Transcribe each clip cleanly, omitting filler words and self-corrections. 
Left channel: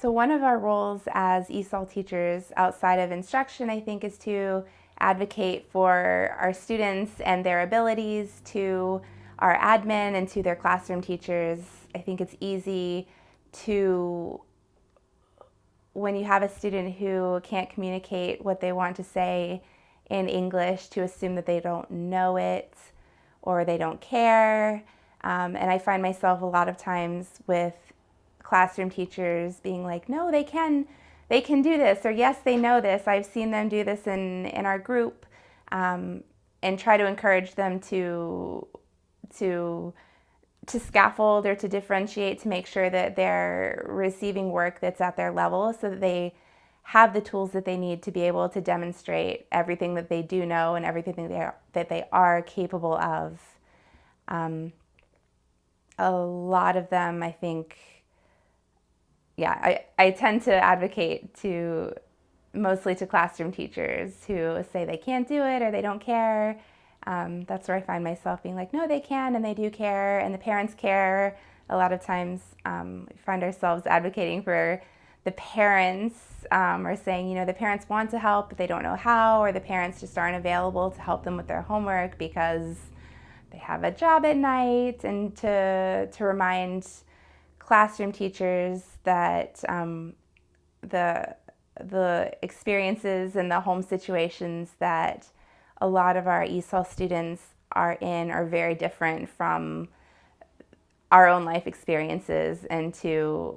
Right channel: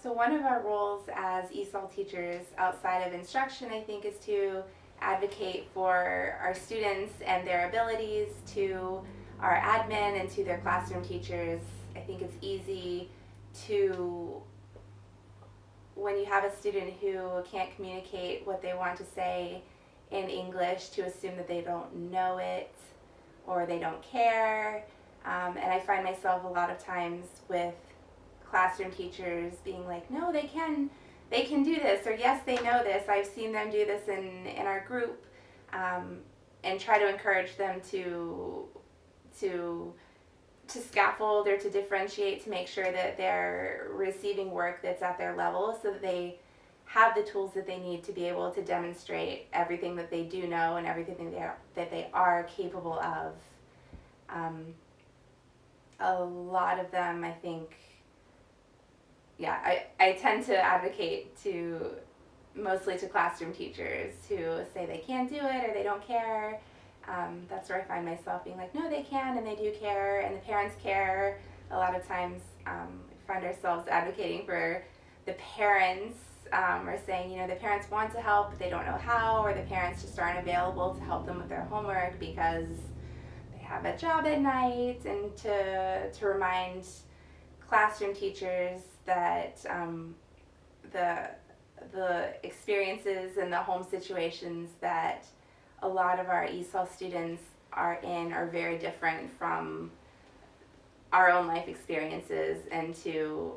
So one of our roles as ESOL teachers outside of instruction, I think, is to advocate for our students and their abilities, to our admin and to their classroom teachers. I think it's easy to, when you have a student who can't communicate what they want to say in English, to assume that they don't know it or they don't care. And I find myself a lot of times with classroom teachers being like, no, they can do this, or yes, they know this. I've seen them do this in our group, and try to encourage them to scaffold or to differentiate, to make sure that they're receiving work that's at their level, so that they have the tools that they need to be able to demonstrate everything that they do know and everything that they are capable of. A lot of them, I think, I tend to advocate mostly to classroom teachers who say they can't do it or they don't care. That's where I find myself being like, no, they can and they do care, and the parents care. A lot of times we find ourselves advocating for the parents, or saying, the parents want to help, but they don't know how, or the parents just aren't available to help them with their homework because they have a job at night, and to remind classroom teachers that the experiences and the home situations that a lot of our ESOL students are in are very different from our own life experiences, and to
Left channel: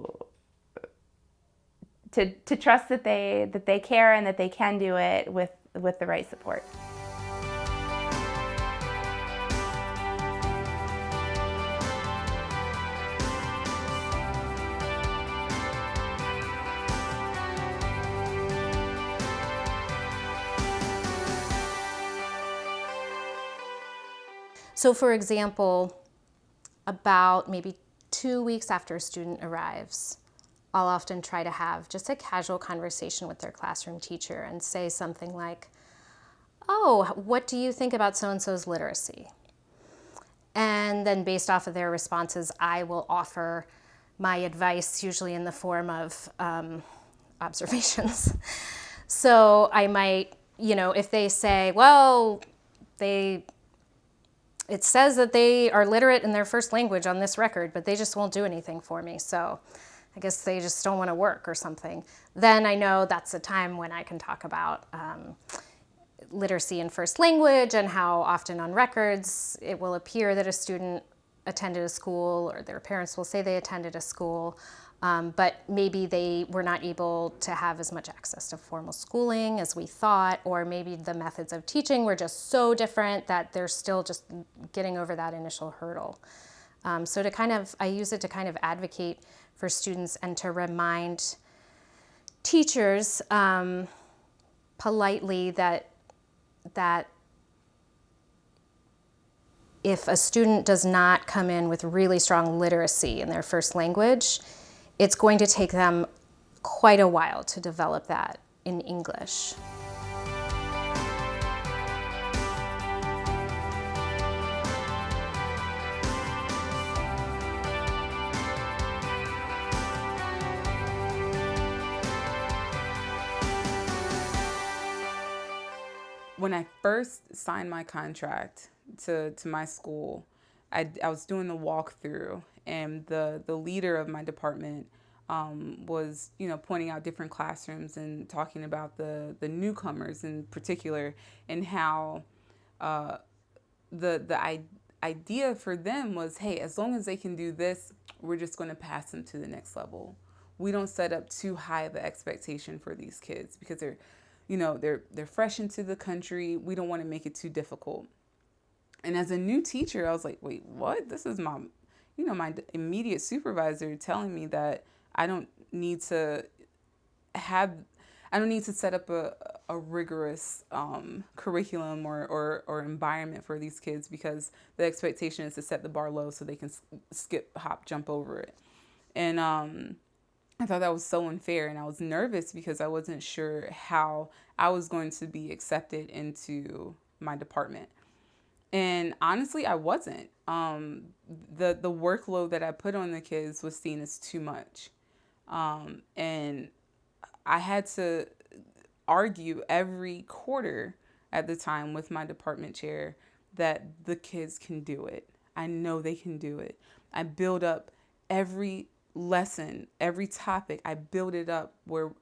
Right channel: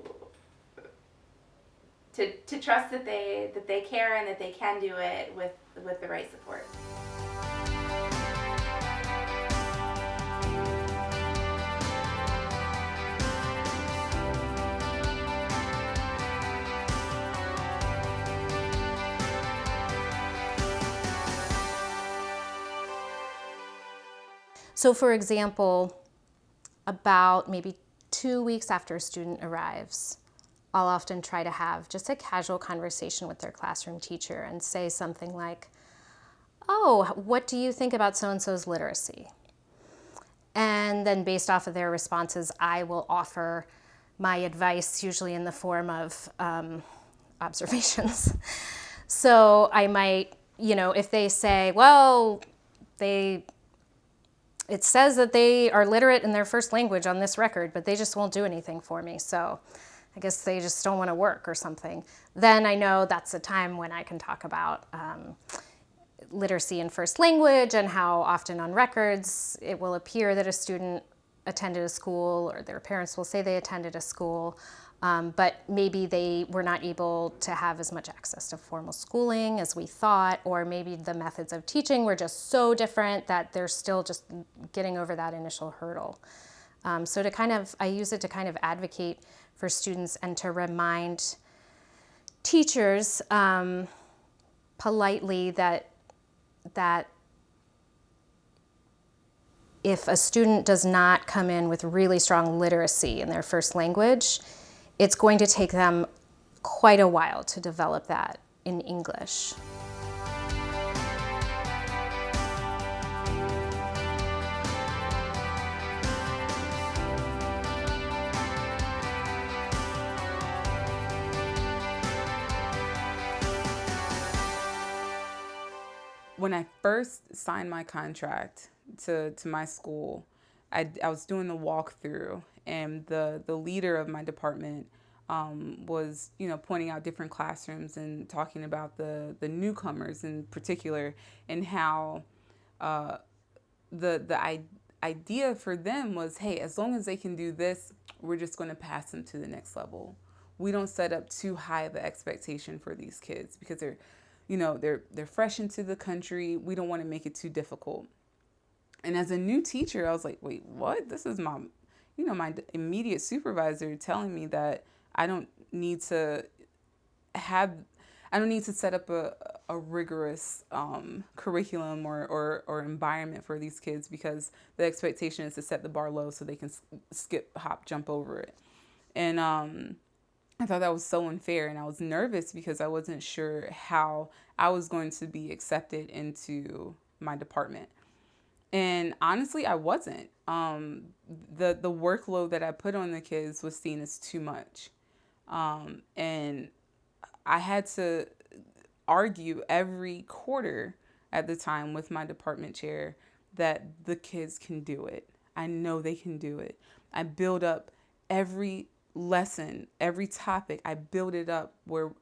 trust that they care and that they can do it with the right support. So for example, about maybe 2 weeks after a student arrives, I'll often try to have just a casual conversation with their classroom teacher and say something like, oh, what do you think about so-and-so's literacy? And then based off of their responses, I will offer my advice, usually in the form of observations. So I might, if they say, well, it says that they are literate in their first language on this record, but they just won't do anything for me. So I guess they just don't want to work or something. Then I know that's a time when I can talk about literacy in first language, and how often on records it will appear that a student attended a school, or their parents will say they attended a school, but maybe they were not able to have as much access to formal schooling as we thought, or maybe the methods of teaching were just so different that they're still just getting over that initial hurdle. So I use it to kind of advocate for students and to remind teachers politely that if a student does not come in with really strong literacy in their first language, it's going to take them quite a while to develop that in English. When I first signed my contract to my school, I was doing the walkthrough, and the leader of my department was pointing out different classrooms and talking about the newcomers in particular, and how the idea for them was, hey, as long as they can do this, we're just going to pass them to the next level. We don't set up too high of an expectation for these kids because they're fresh into the country. We don't want to make it too difficult. And as a new teacher, I was like, wait, what? This is my immediate supervisor telling me that I don't need to set up a rigorous curriculum or environment for these kids, because the expectation is to set the bar low so they can skip, hop, jump over it. And I thought that was so unfair, and I was nervous because I wasn't sure how I was going to be accepted into my department. And honestly, I wasn't. The workload that I put on the kids was seen as too much. And I had to argue every quarter at the time with my department chair that the kids can do it. I know they can do it. I build up every lesson, every topic. I build it up where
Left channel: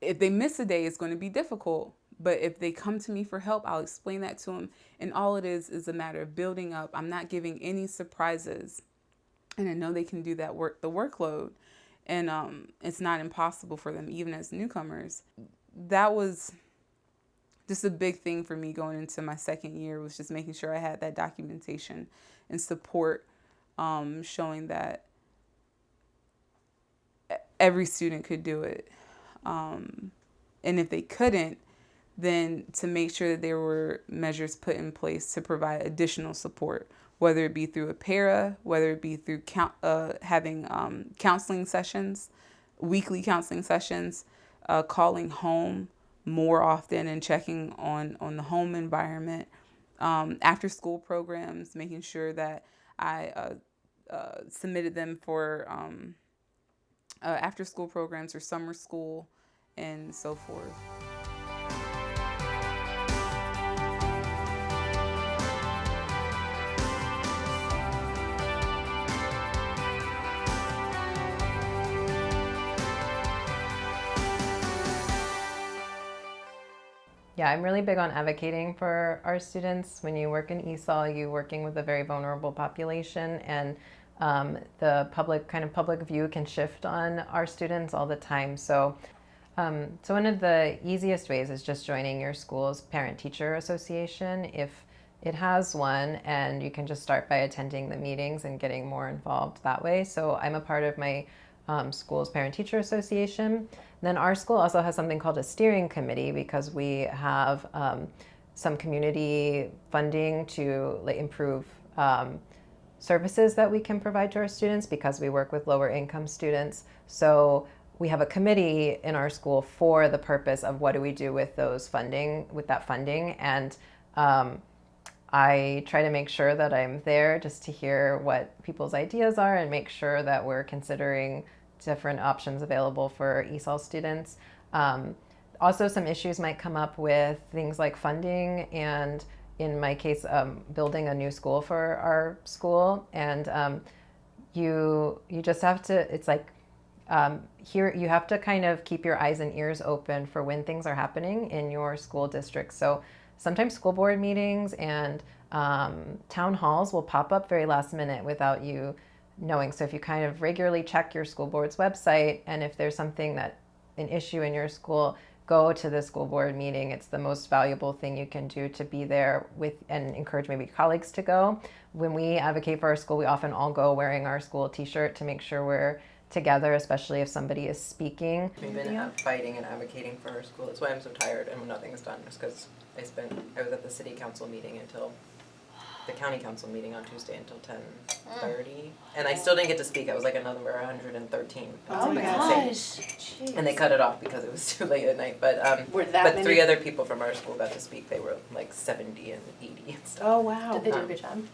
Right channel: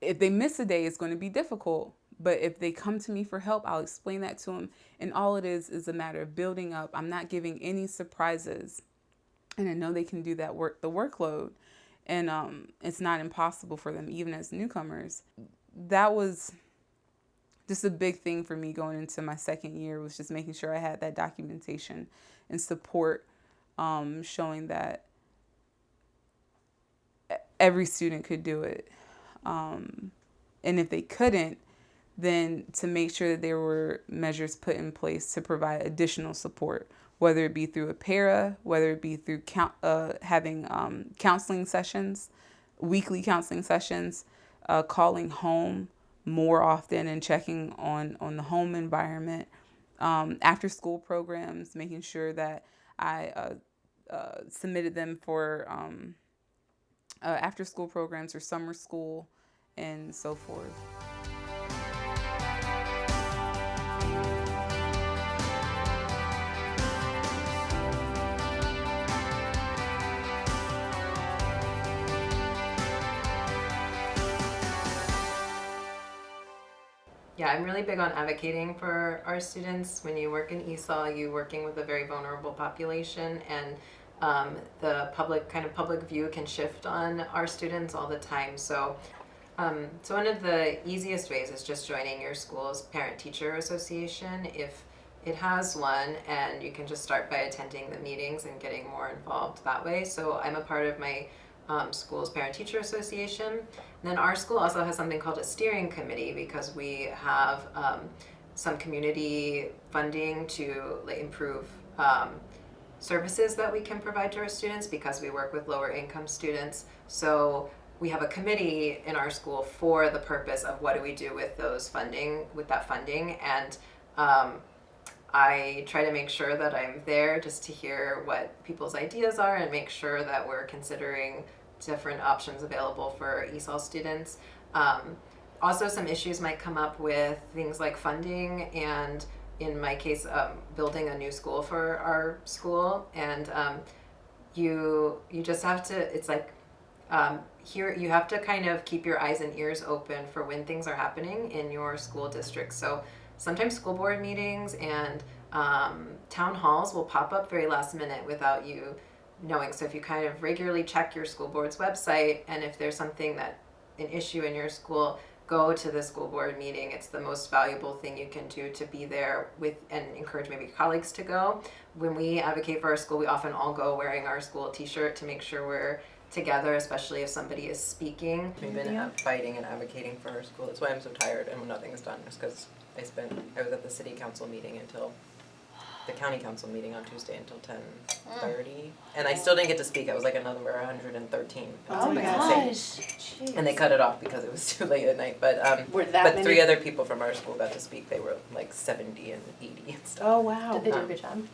if they miss a day, it's going to be difficult. But if they come to me for help, I'll explain that to them. And all it is a matter of building up. I'm not giving any surprises. And I know they can do that the workload. And it's not impossible for them, even as newcomers. That was just a big thing for me going into my second year, was just making sure I had that documentation and support, showing that every student could do it. And if they couldn't, then to make sure that there were measures put in place to provide additional support, whether it be through a para, whether it be through having counseling sessions, weekly counseling sessions, calling home more often and checking on the home environment, after school programs, making sure that I submitted them for after school programs or summer school and so forth. Yeah, I'm really big on advocating for our students. When you work in ESOL, you're working with a very vulnerable population, and the public view can shift on our students all the time. So one of the easiest ways is just joining your school's parent-teacher association if it has one, and you can just start by attending the meetings and getting more involved that way. So I'm a part of my school's parent-teacher association. Then our school also has something called a steering committee, because we have some community funding to improve services that we can provide to our students, because we work with lower income students. So we have a committee in our school for the purpose of what do we do with that funding. And I try to make sure that I'm there just to hear what people's ideas are and make sure that we're considering different options available for ESOL students. Also, some issues might come up with things like funding, and in my case, building a new school for our school. And you just have to, it's like, here you have to kind of keep your eyes and ears open for when things are happening in your school district. So sometimes school board meetings and town halls will pop up very last minute without you knowing. So if you kind of regularly check your school board's website, and if there's an issue in your school, go to the school board meeting. It's the most valuable thing you can do to be there with, and encourage maybe colleagues to go. When we advocate for our school, we often all go wearing our school t-shirt to make sure we're together, especially if somebody is speaking. We've been fighting and advocating for our school. That's why I'm so tired and when nothing is done, is because I was at the city council meeting until the county council meeting on Tuesday until 10:30, and I still didn't get to speak. I was like a number 113. Oh my gosh! And they cut it off because it was too late at night. But many? 3 other people from our school got to speak. They were like 70 and 80 and stuff. Oh wow! Did they do a good job?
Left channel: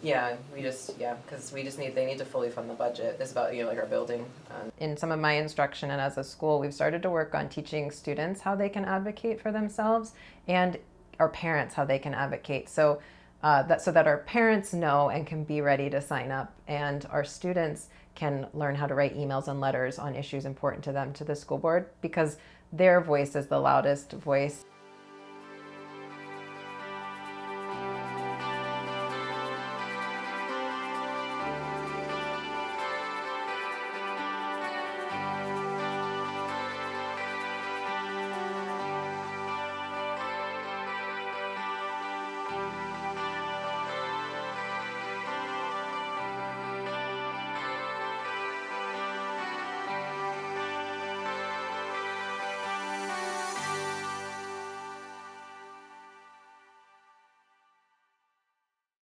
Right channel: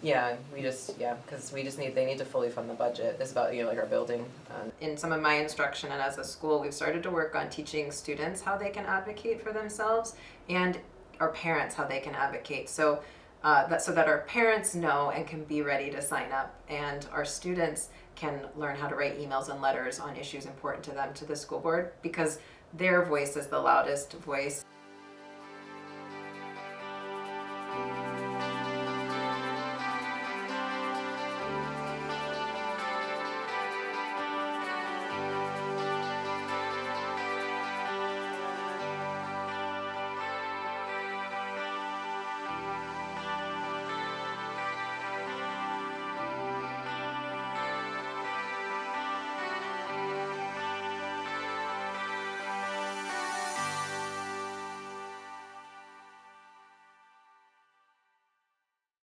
Yeah, because they need to fully fund the budget. It's about like our building. In some of my instruction and as a school, we've started to work on teaching students how they can advocate for themselves, and our parents how they can advocate. So that our parents know and can be ready to sign up, and our students can learn how to write emails and letters on issues important to them to the school board, because their voice is the loudest voice.